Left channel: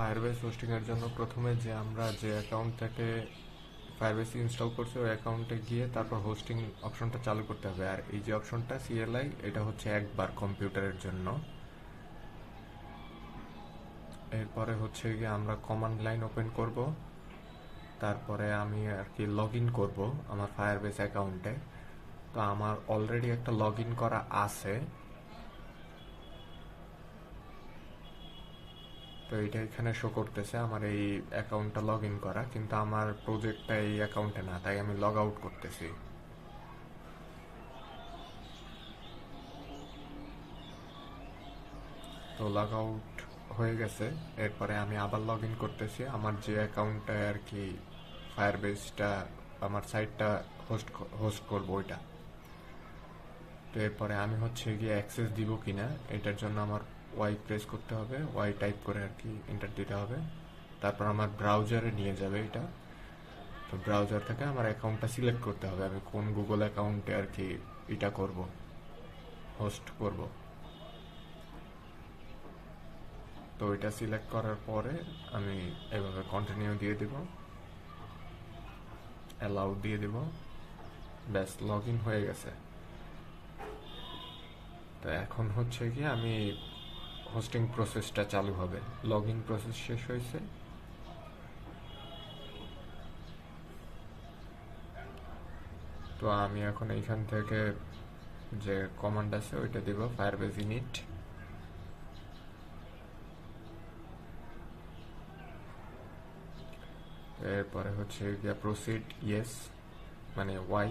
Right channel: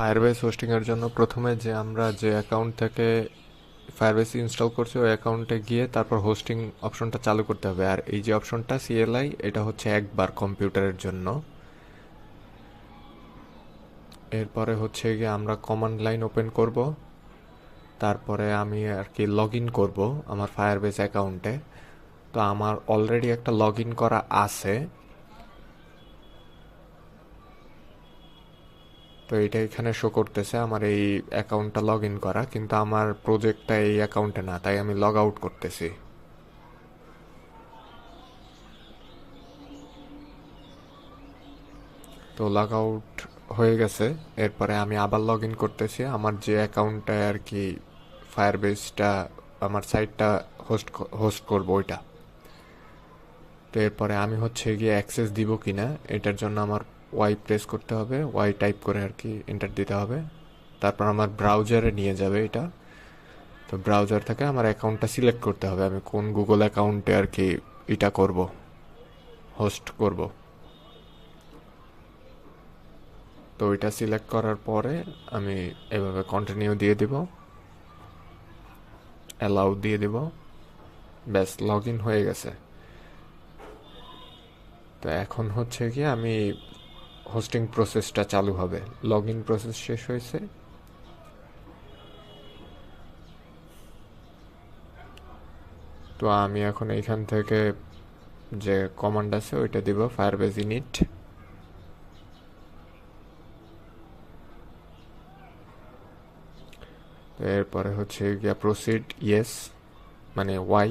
Firebase হোস্টিংয়ের জন্য প্রথমে আমরা যে অ্যাকাউন্ট থেকে ফায়ারবেস ইনস্টল করছি ওই অ্যাকাউন্টে গিয়ে তারপর হোস্টিং অপশনটা চালু করতে হবে। আর এই যে অপশনটা সিএলআই, এটা হচ্ছে একবার কম্পিউটারের জন্য। এরপরে হচ্ছে গিয়ে আমরা কমান্ড লাইন ওপেন করব। তারপরে আমি আর কি লগ ইন করবো আমার ফায়ারবেস অ্যাকাউন্টে। তো আমার অলরেডি একটা লগ ইন করা আছে, তো এটা এখানে শো করতেছে আমার এই অ্যাকাউন্টটা লগ ইন করা, কিন্তু আমার প্রজেক্টটা এই অ্যাকাউন্টে না, তাই আমি লগ আউট করতেছি। তো লগ আউট হয়ে গেছে। এরপরে আমি আবার লগ ইন করতেছি আমার যে অ্যাকাউন্টে আর কি ফায়ারবেসটা, আমার সাইটটা হোস্ট হোস্ট করবো ওইটা। তো এরপরে আমি হচ্ছে গিয়ে অ্যাক্সেস দিব কিনা এটার জন্য আমার ওয়াই প্রেস করতে হবে, ওয়াই টাইপ করে আর কি এন্টার দিতে হবে। তারপর আমার ব্রাউজারে নিয়ে যাবে এটা। তো ব্রাউজার থেকে আমার অ্যাকাউন্টটা সিলেক্ট করতে হবে, আমি কোন গুগল অ্যাকাউন্টে আর কি এটা করব, হোস্ট করব। তো ওইটা সিলেক্ট করার পরে আমি এভাবে কন্টিনিউ দিয়ে দিব, অ্যালাউ দিয়ে দিব। ব্যাস, লগ ইন হয়ে গেছে। তো এখন হচ্ছে কি আমি হোস্টিং প্রসেসটা চালু হবে। লগ ইন প্রসেস শেষ হয়েছে। তো আমি এখন এইখান থেকে যে কমান্ড আছে ওইটা দিব, ফায়ারবেস ইনিট। এরপরে হচ্ছে গিয়া প্রসিড ইয়েস, মানে ওয়াই।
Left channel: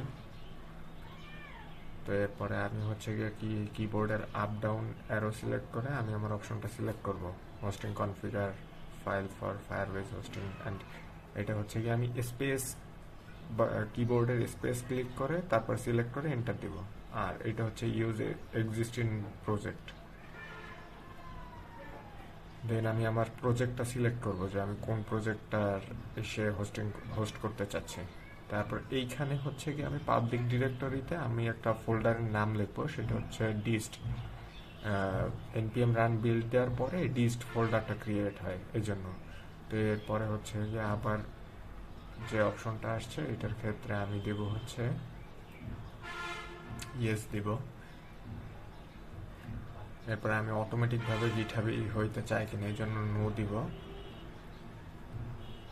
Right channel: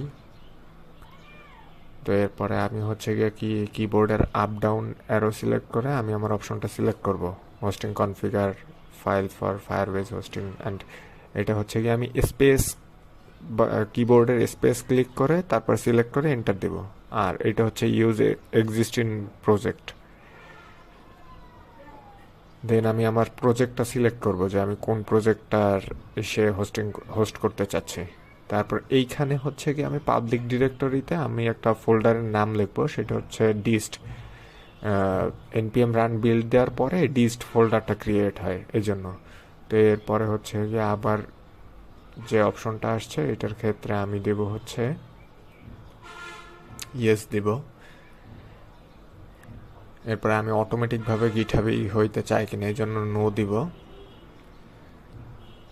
তো এরপরে আমি হচ্ছে গিয়ে কিবোর্ডের আপ ডাউন অ্যারো সিলেক্ট করে আমি আমার অপশনটা সিলেক্ট করব, hosting configure file for Firebase hosting and. এটা হচ্ছে গিয়ে আমি স্পেস, কিবোর্ডের স্পেস ক্লিক করে তারপর সিলেক্ট করে এন্টার দেব। আর এটা হচ্ছে ইউজ এক্সিস্টিং প্রজেক্ট। দেন আমি আমার প্রজেক্টটা সিলেক্ট করব যে আমি কোন প্রজেক্টটার সে হোস্ট করতে চাচ্ছি। তারপর এইখানে হচ্ছে কি আমি পাবলিক ডিরেক্টরিতে আমি একটা ফোল্ডারের নাম লিখবো, সেটা হচ্ছে ডিস্ট। এনপিএম রান বিল্ড দেওয়ার পরে ডিস্ট ফোল্ডারটা ক্রিয়েট হয় এই জন্য। তো এরপরে হচ্ছে যে আবার যে অপশনটা আসছে এটার ক্ষেত্রে আমি দেব হচ্ছে ইয়েস দিব। এরপরে আমি অটোমেটিকভাবে গিটহাবে হইতে চাই কিনা এই জন্য নো দিব।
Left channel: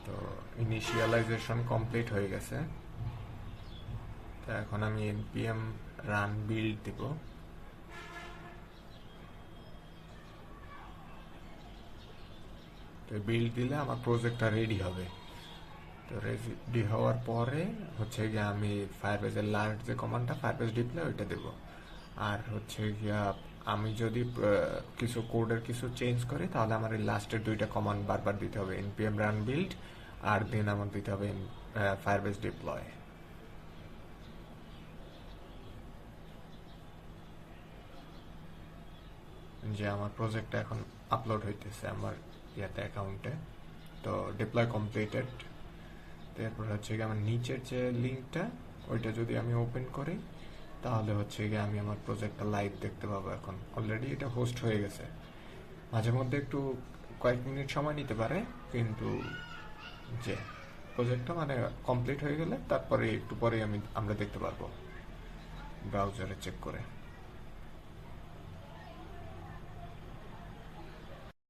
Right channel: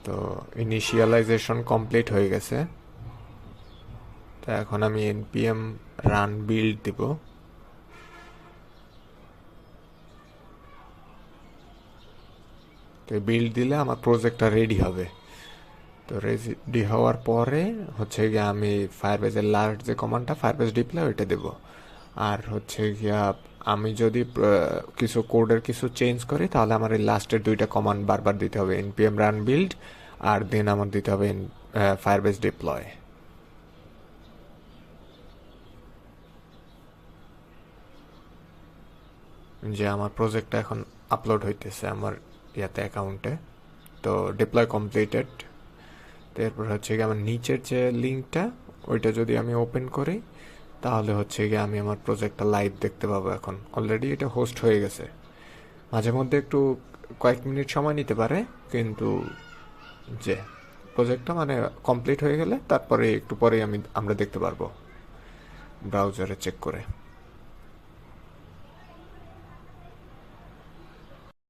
তো ইনিশিয়ালাইজেশন কমপ্লিট হয়ে গেছে। তো এখন আমি npm রান বিল্ড দিব। তো বিল্ড দিলে আমার প্রজেক্টটা রেডি হবে। তো রেডি হওয়ার পরে হচ্ছে গিয়ে আমি ফায়ারবেজের লাস্ট যে কমান্ডটা ফায়ারবেজ ডিপ্লয় ওইটা দেব। আর হচ্ছে গিয়া আমি যদি কিছু কোডের কিছু চেঞ্জ করি তাহলে আমার এই লাস্টের দুইটা কমান্ড বারবার দিতে হবে, npm রান বিল্ড আর দেন আমার দিতে হবে ফায়ারবেজ ডিপ্লয়। যে আমার প্রজেক্টটা এখন আপলোড হইতেছে আমার ইয়াতে অ্যাকাউন্টে। তো ডিপ্লয় কমপ্লিটেড। তো এরপর হচ্ছে গিয়ে আমার নিচের যে লিঙ্কটা ওইটা যদি আমি ওপেন করি তাহলে হচ্ছে গিয়ে আমি আমার প্রজেক্টটা লাইভ দেখতে পাবো। এখন অলরেডি এটা হোস্ট হয়ে গেছে। মাঝে মধ্যে একটু কয়েক মিনিট সময় নিতে পারে, কিন্তু যে প্রজেক্টটা মানে কমপ্লিট হয়ে গেলে তারপরে একটু পরেই আমরা দেখতে পারবো ব্রাউজারে চেক করে।